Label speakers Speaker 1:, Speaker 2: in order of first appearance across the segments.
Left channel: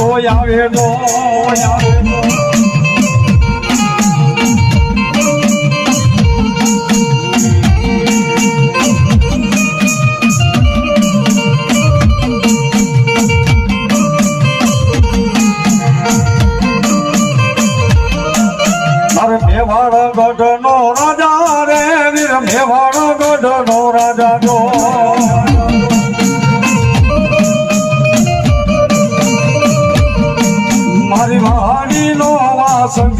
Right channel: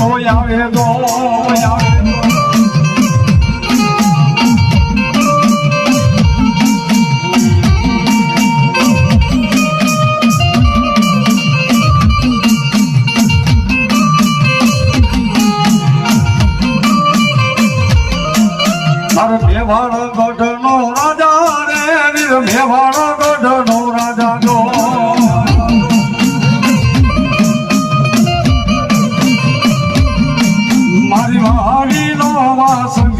Speaker 1: આવે દો આવે તો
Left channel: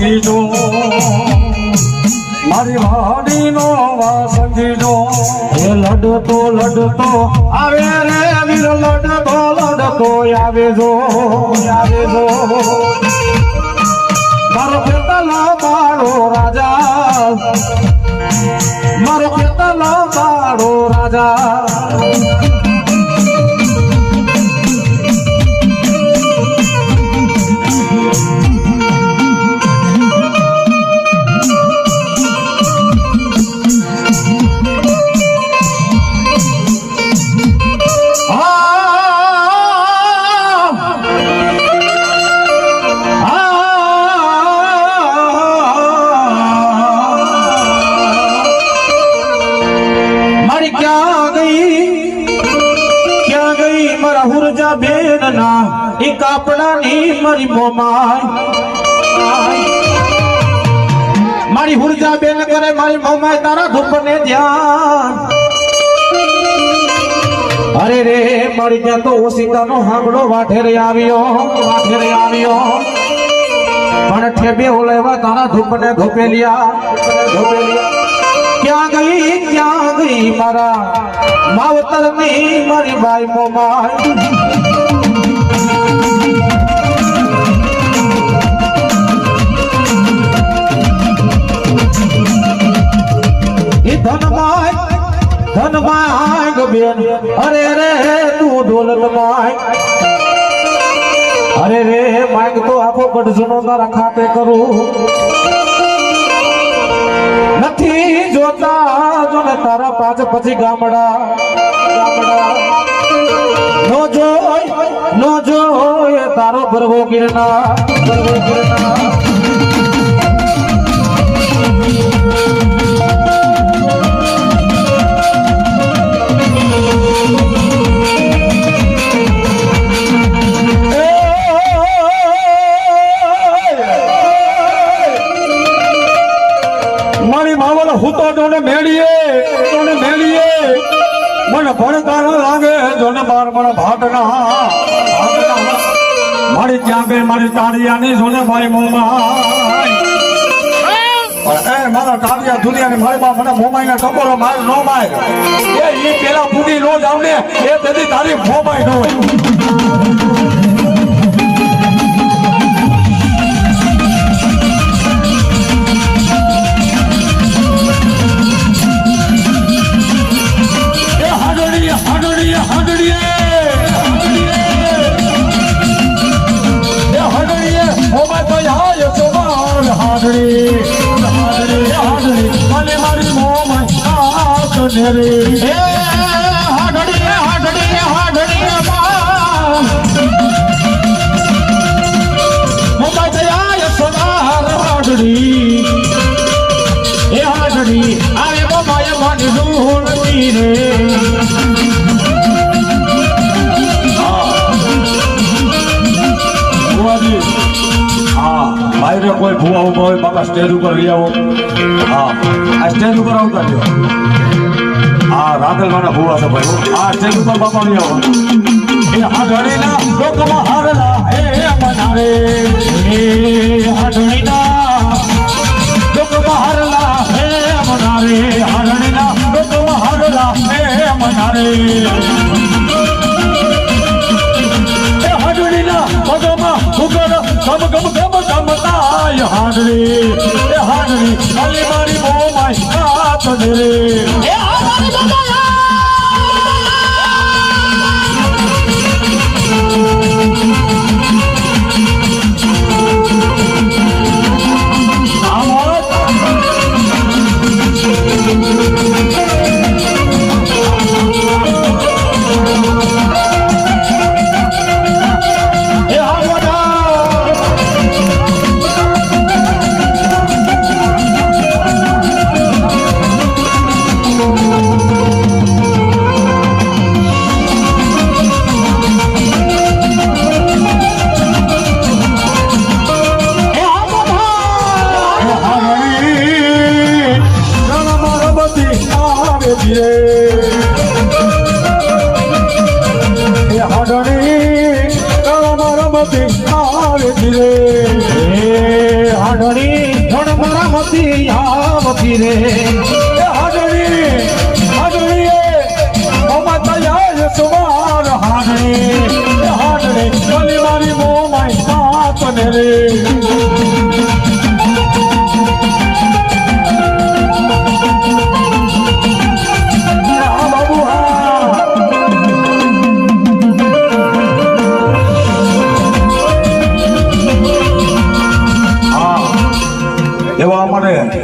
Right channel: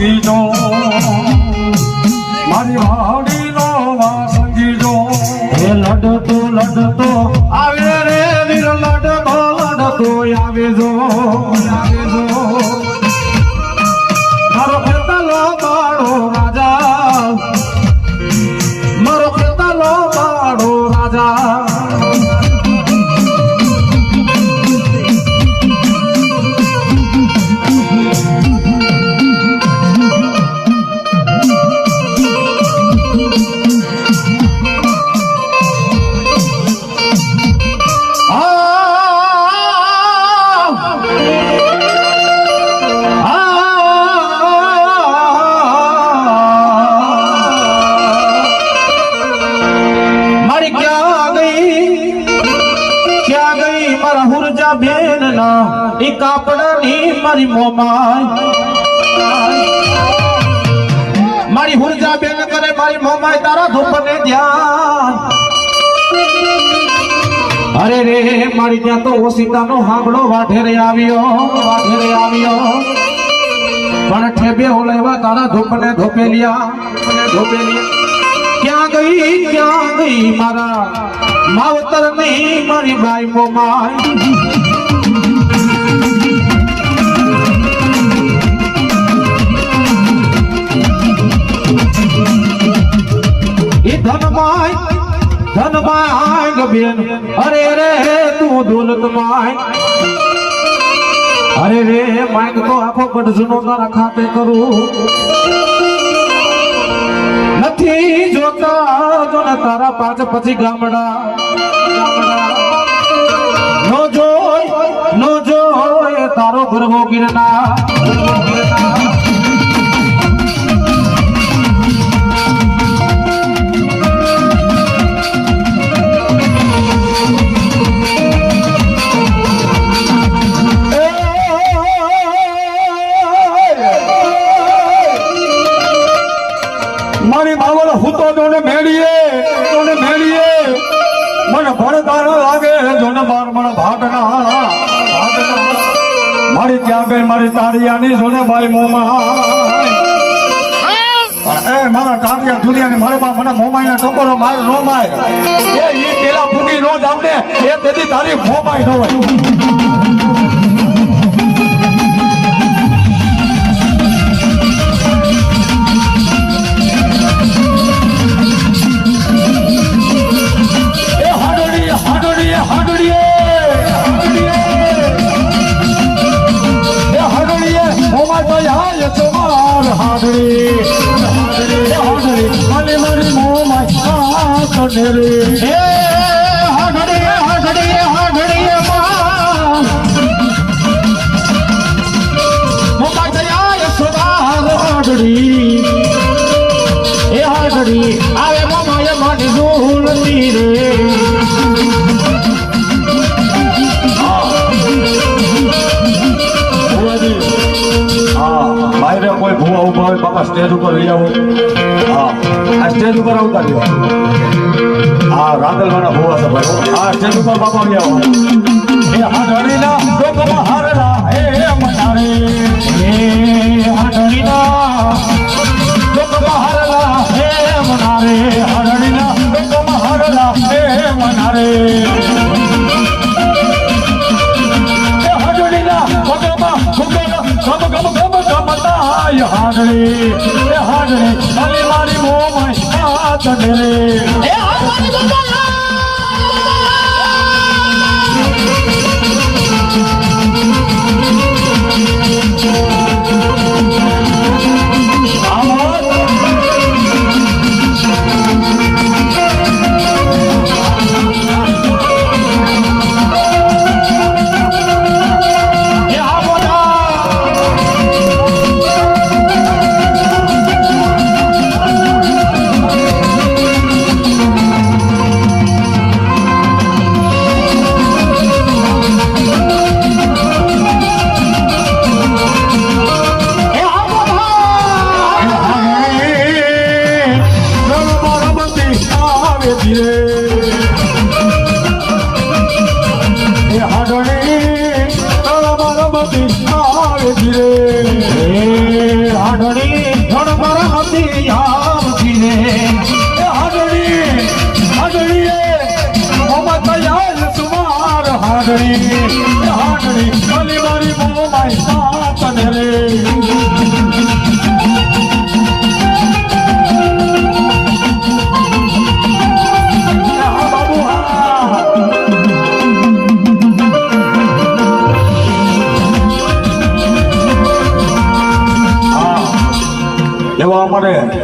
Speaker 1: વાસંગીનો રે મારી ત્યાં તો ઓસિતાનો હાંભળો, વાઢેરે આવ્યો વાઢેરે આવ્યો. પણ ઠેબે ઓલેવા તારા ધૂપને ધોપેલિયા ધોપેલિયા ક્યાં ગઈ ક્યાં ગઈ મારા માવતરની મારી બાઈ મોમાય એ ધનમાય બેન અરે રે તું દોલત માય. અરે, રે માંગ તો આપો ગઢજનો તારા ખાતે કરું. નથી જોતા જો તારા પાછ પછી ગામડા. ગામડા નો જોય નો જોય, તારો ગરબો ગિરનાર ગરબો ગિરનાર. માવર હુતો જોને મેળીએ જોને મેળીએ. મન ભણતર લાગે જોને બાર મને ભાટના. મારી ત્યાં બે મારી તારિયાની જોને ભાઈ મોમાં એ મારા કામિયા દુનિયાની મારે બા મને મોમાઈના ટકોરો મારે નો માય. એ પેલા ફૂટી નો જાવને એ તેથી તારી મોમાઈ નો કનેરે એ હાડડી આવે મોમાય મને ઝૂલતી રે. ભુવાજી, હા, બાયરે કોઈ ભુવા ઊભા હોય બાપા સ્ટેજ ઉપર લઈ આવો. હા. આ સ્ટેજ ઉપર આવતા થયો. હા રાગલવાના ભુવા છે ભાઈ આ સ્ટેજ ઉપર બાપા લઈ આવો એ હાડણીના ડોકમાં હારલા. હે મનારે હે હાડણીના ડોકમાં હારલા હે મનારે હાડણીના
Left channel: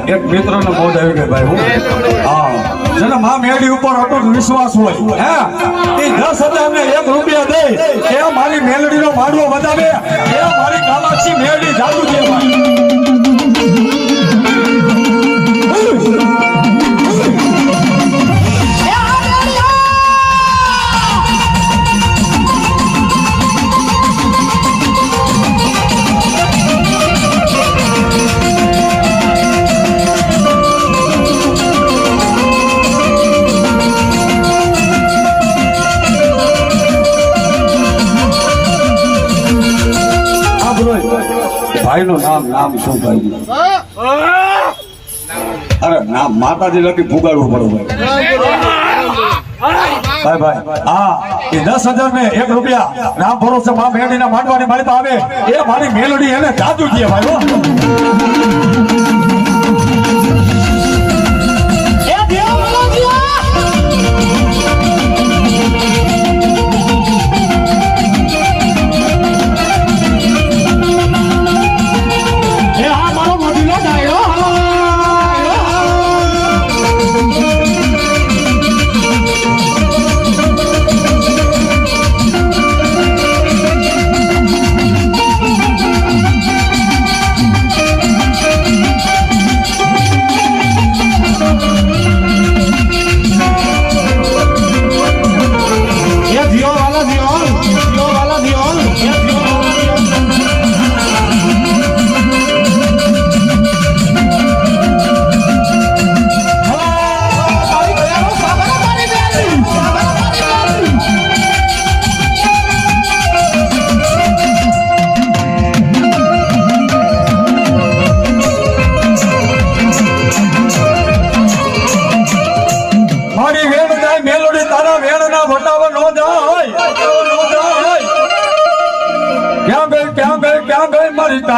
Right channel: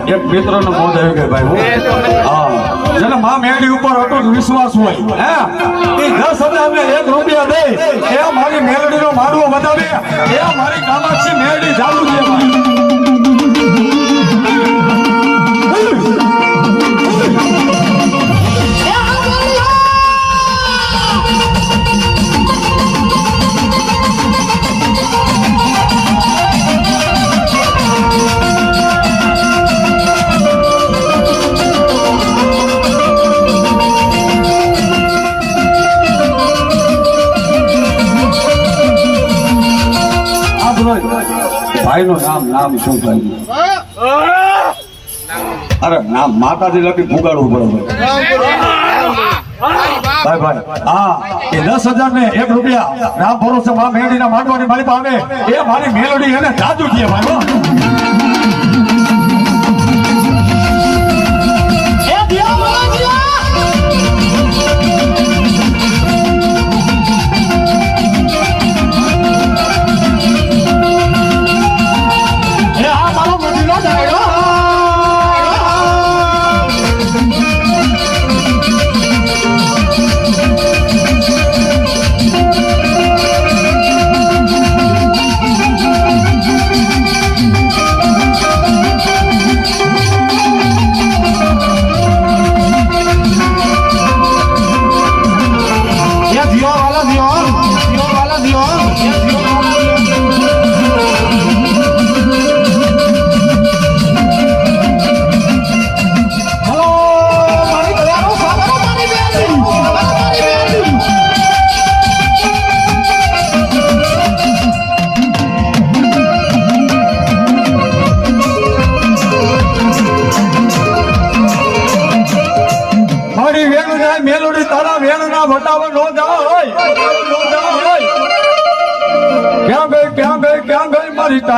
Speaker 1: એક મિત્રનો મોજ આવી ગયો ભાઈ હું હા મેડી ઉપર અટૂટ વિશ્વાસ હોય. હે? એ દસ હજાર ને એક રૂપિયા દે એ મારી મેલડીનો માડવો બતાવે એ મારી કામાક્ષી મેલડી ચાલુ છે. ભાઈનું નામ નામ શું અરે નામ માતાજી લખી ફુગાડવું પડે ભાઈ. ભાઈ હા, એ દસ હજાર ને એક રૂપિયા નામ ભરોસે માં મેળડી ના માંડવાની મારી પાસે આવે. એ મારી મેલડી એને જાદુ થયે ભાઈ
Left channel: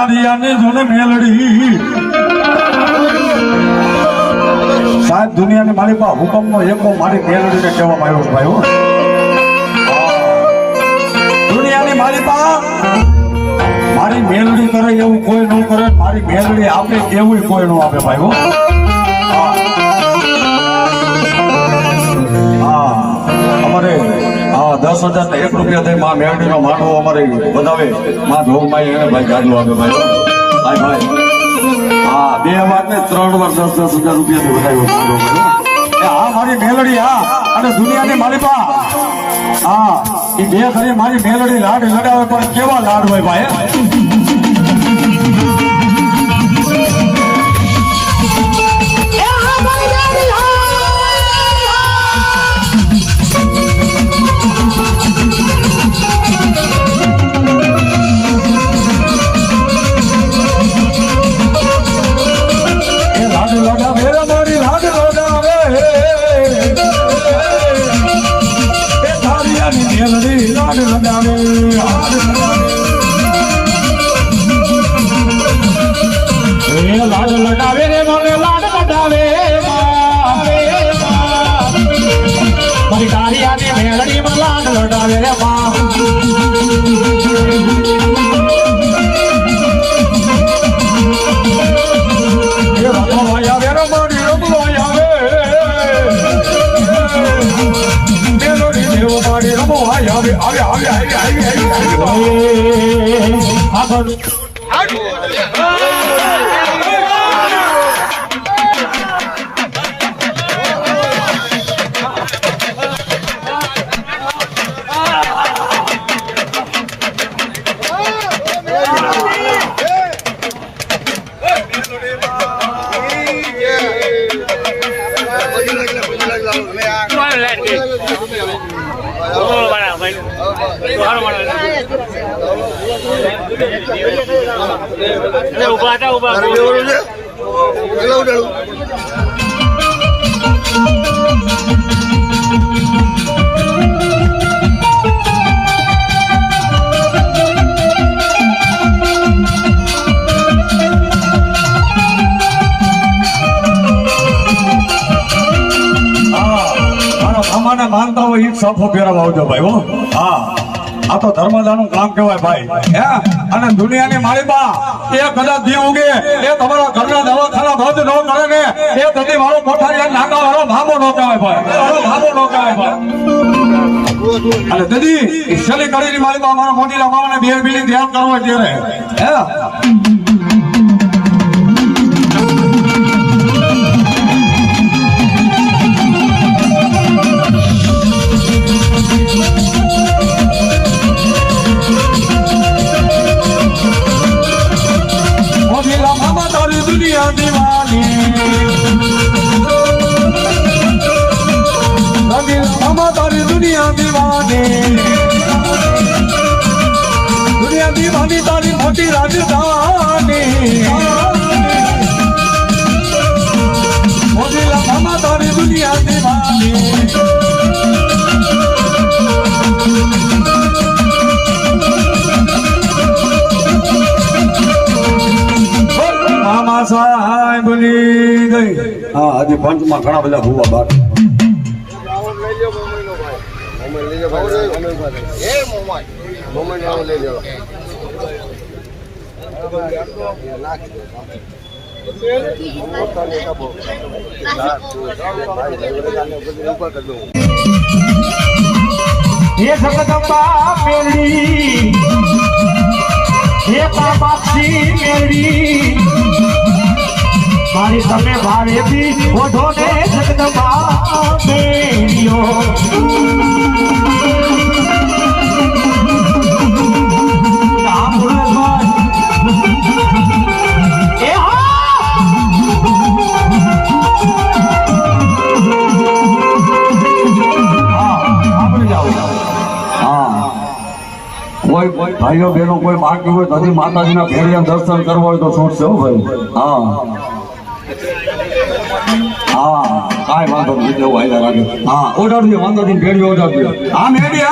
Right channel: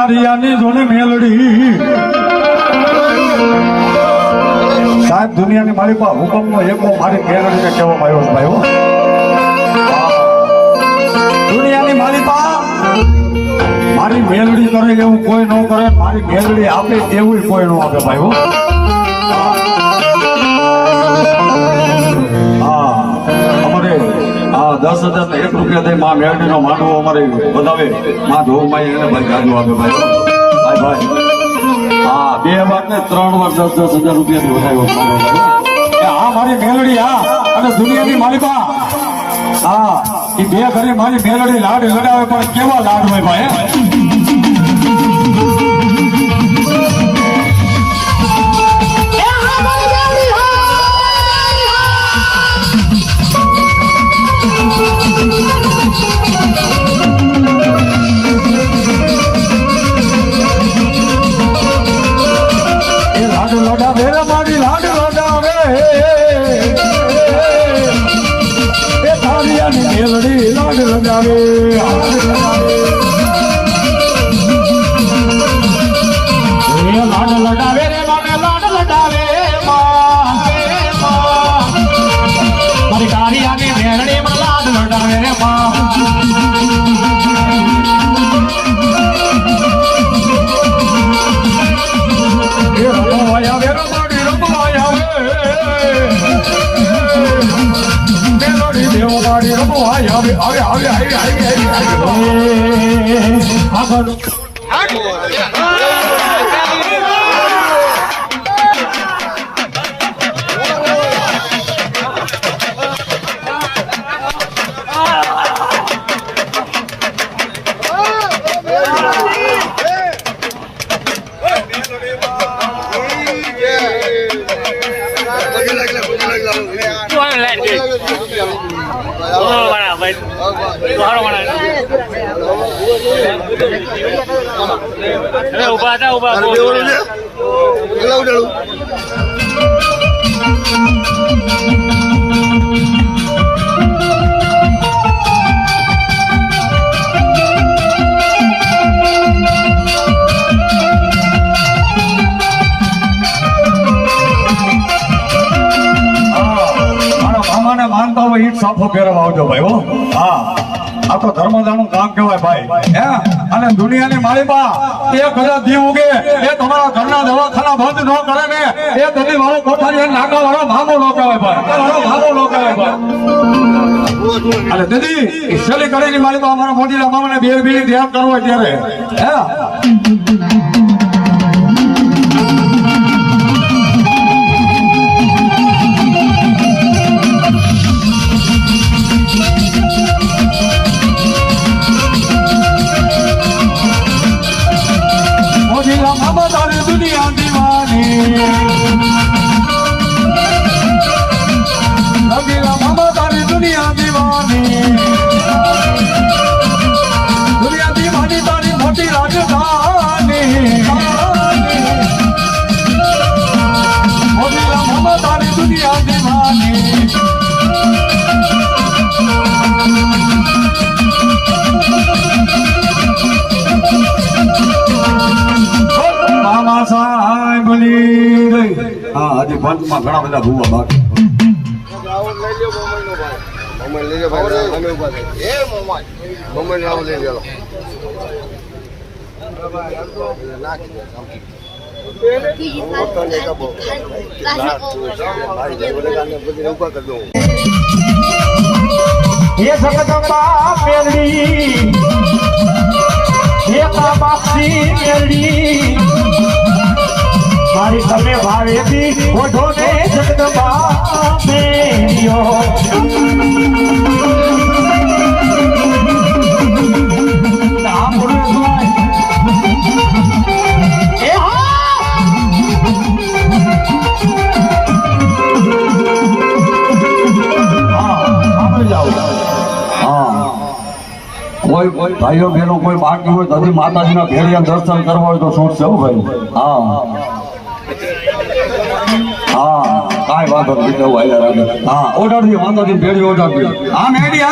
Speaker 2: મારી
Speaker 1: તારિયાની જોને મેલડી સાહેબ, દુનિયાની મારી પાસે હુકમનો એકો મારી મેલડીને કહેવામાં આવ્યો છે ભાઈ હો. દુનિયાની મારી પાસે મારી મેલડી કરે એવું કોઈ ન કરે, મારી મેલડી આપે એવું કોઈ ન આપે ભાઈ દસ હજાર એક રૂપિયા થઈ માં મેળવીનો માંડવો અમારે વધાવે. માં ધોમાં એને ભાઈ ગાડું આપે ભાઈ ભાઈ ભાઈ. હા, બે વાર ને ત્રણ વાર દસ દસ હજાર રૂપિયાથી વધાવ્યો માંડવો ભાઈ હા, મારી મેલડી, હા. અને દુનિયાની મારી પા. હા એ બે ઘરે મારી મેલડી લાડ લડાવે કેવા લાડ હોય ભાઈ
Speaker 2: મારી કારિયાની મેરડી માં લાડ લડાવે રે
Speaker 1: હા, મારા મામાને માનતા હોય જ સાફો પહેરવા આવજો ભાઈ હો. હા. આ તો ધર્મદાનું કામ કહેવાય ભાઈ. હે? અને દુનિયાની માળીમાં એ કદાચ દી ઉગે એ તમારા ઘરના દવાખાના બંધ ન કરે ને, એ દલી વાળો કોઠારી નાકા વાળો ભામો ન કહેવાય ભાઈ. ભામો ન કહેવાય ભાઈ. અને દીદી છેલ્લી કડીની માળીમાં અમારા મોટીના મામાને બે મિનિટ ધ્યાન કરવો હોય ત્યારે. હે? પંચમાં ઘણા બધા ભૂવા બાર
Speaker 2: હે જગદંબા મેરડી હે બાપાસી મેરડી મારી તમે ભાવેથી ઓઢો
Speaker 1: ભાઈઓ બહેનો કોઈ બાકી હોય તો માતાજીના ઘેરિયા દર્શન કરવા હોય તો છૂટશે હો ભાઈ. હા. હા, કાંઈ વાંધો નહીં એટલે એવું હાલ્યા વાંધો હા ઓર્ડરથી વાંધોથી ભેડી ઓર્ડર હા મેડી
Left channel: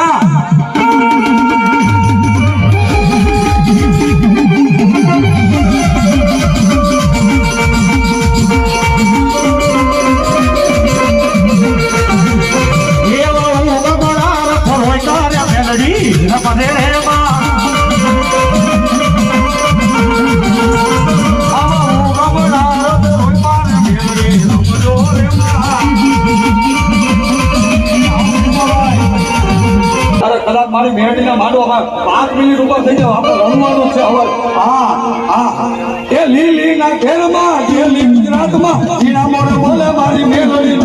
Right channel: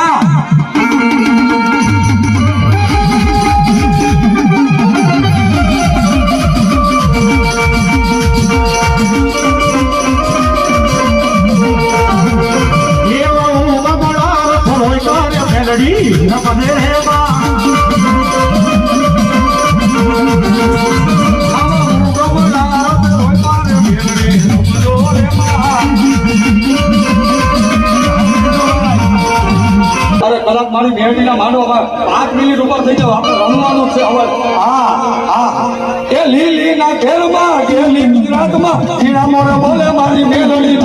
Speaker 1: અરે મારી મારી મેરડીના માંડવામાં પાંચ મિનિટ ઉપર થઈ જાવ આપણે રમવાનું છે હવે. હા હા એ લીલી ના ઘેરમાં ઘેરલી ગુજરાતમાં ઈણા મોરે મારી મેળવી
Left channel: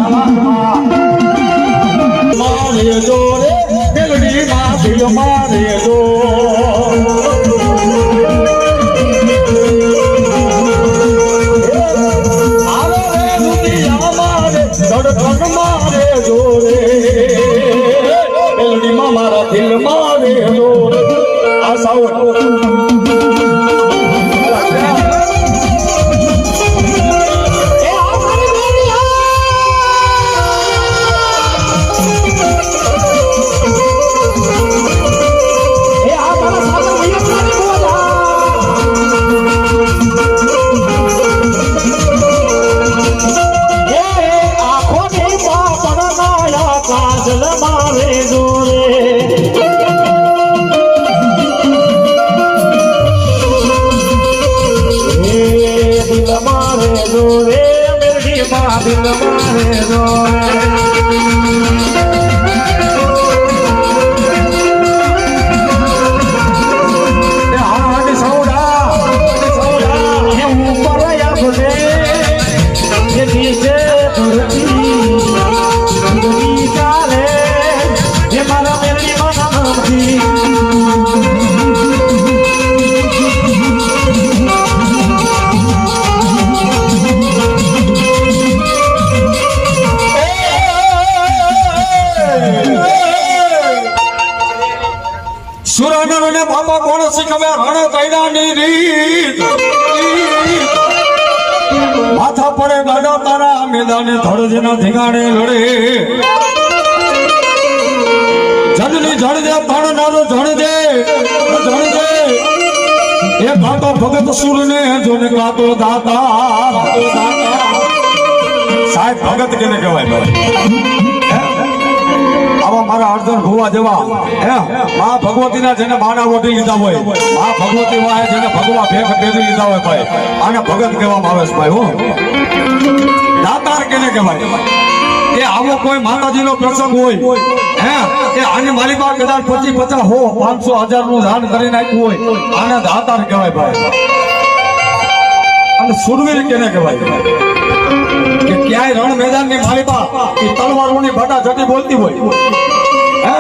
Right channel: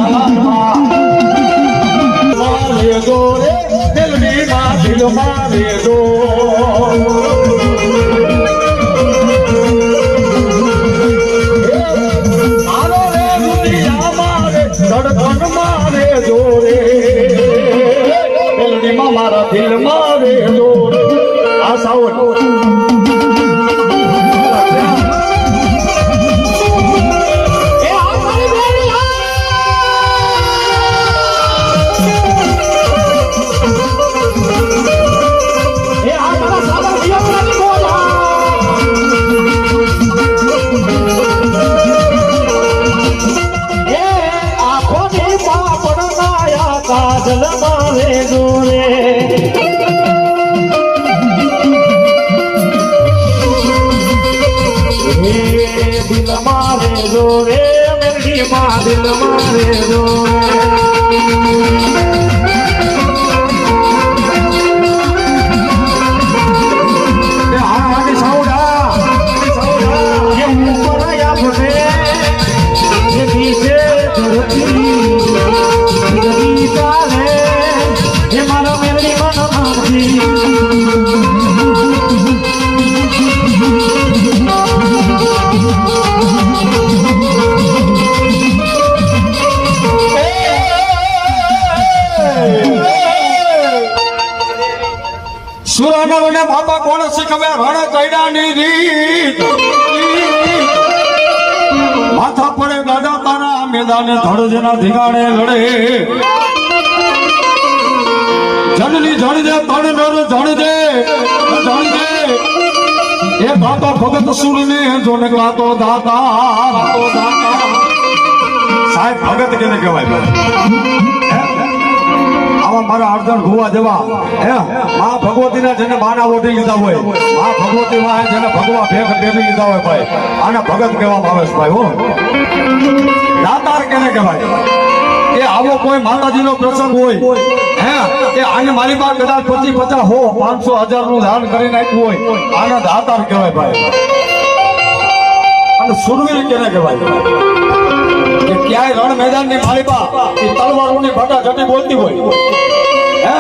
Speaker 1: મેલડીમાં મારા દિલ મારે દો
Speaker 2: બિંદ મારે દો
Speaker 1: બાપા કોણ શીખવે રણ ચૈડાની રીત. માથા પડે દાદા તારા મેદાને ધડજ ના ધીંગાણે લડે. જનની જણજે તણ નાનો જણજે જણજે એ ભાતો ભગત સુર ને જોને દાતા. દાતા સાહેબ, ભગત કેને કહેવાય ભાઈ આવા મારા અર્જન હે? મા ભગવતીના જેને માના ઓઢી લીધા હોય, મા ભગવતી માં જેને ભગવા ભેગ ભેગી લીધા હોય ભાઈ, આને ભગત કહેવામાં આવે છે ભાઈ, હો. દાતાર કેને કહેવાય? એ આવો કોઈ માતાજીનો પ્રસંગ હોય, હે? કે આની મારી પાસે કદાચ પચીસ પચાસ હો, પાંચસો હજારનું દાન કરીને આપ્યું હોય, આને દાતાર કહેવાય ભાઈ. અને સુરવીર કેને કહેવાય? કે ક્યાંય રણ મેદાનની માલિકા એ તલવારોની ભટા જટી બોલતી હોય. હે?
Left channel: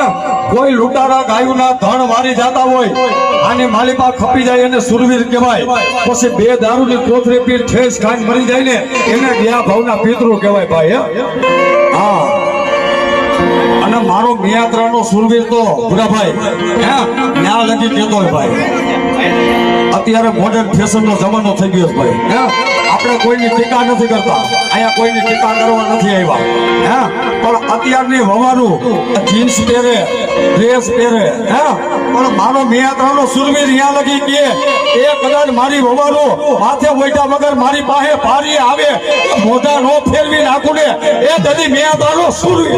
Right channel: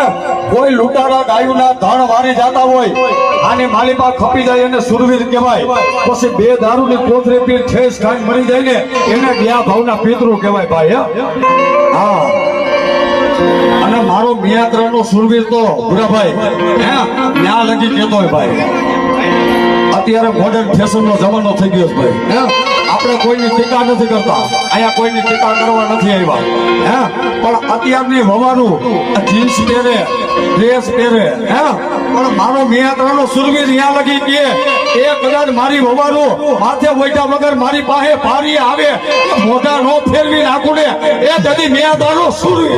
Speaker 1: કોઈ લૂંટારા ગાયુના ધણ વારી જતા હોય, આની માલિકા ખપી જાય એને સુરવીર કહેવાય. પછી બે દારૂની કોથરી પી ઠેસ ખાઈ મરી જાય ને, એને બે ભાવના પિતૃ કહેવાય ભાઈ, હે? અને મારો મિયાત્રાનો સુરવીર તો ભૂરાભાઈ હે? ન્યા લગી કહેતો ભાઈ. અત્યારે મોડર્ન ફેશન નો જમાનો થઈ ગયો ભાઈ, હે? આપણે કોઈની ટીકા નથી કરતા. અહીંયા કોઈની ટીકા કરવા નથી આવ્યા. હે? પણ અત્યારની વવાનું જીન્સ પહેરે, ડ્રેસ પહેરે, હે? પણ મારો મેયાત્રાનો સુરવીર અહીંયા લગી કે એ કદાચ મારી વવાનું હાથે વોઈટા વગર મારી પાસે પારી આવે, મોઢા નો ફેરવી નાખું ને એ તદી મેયાત્રાનો સુરવીર.